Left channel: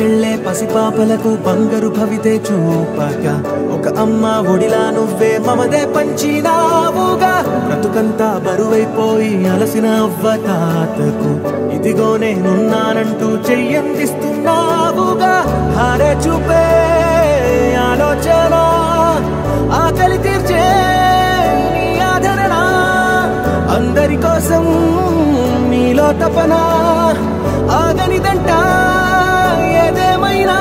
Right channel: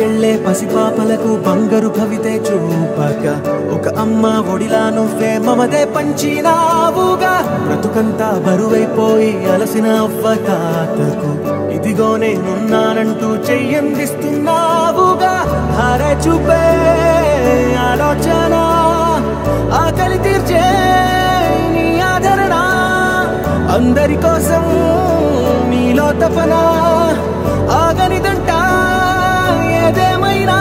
బడికెళ్లే పసిపాపలకు బంగారు భవితే చూపక ఒక అమ్మ ఒడిలా నువ్వే మమదే పంచినావుగా బ్రతుకంతా బరువైపోయి అలసిన అవ్వ తాతకు ఇదిగో నేనున్నానంటూ చెయ్యందిస్తున్నావుగా హారే చూపే ఆలోచన ఆకలి తీర్చే నీ ఆదరణ అందరి కోసం నీలో తపన ఆగనిదంట ఏదేమైనా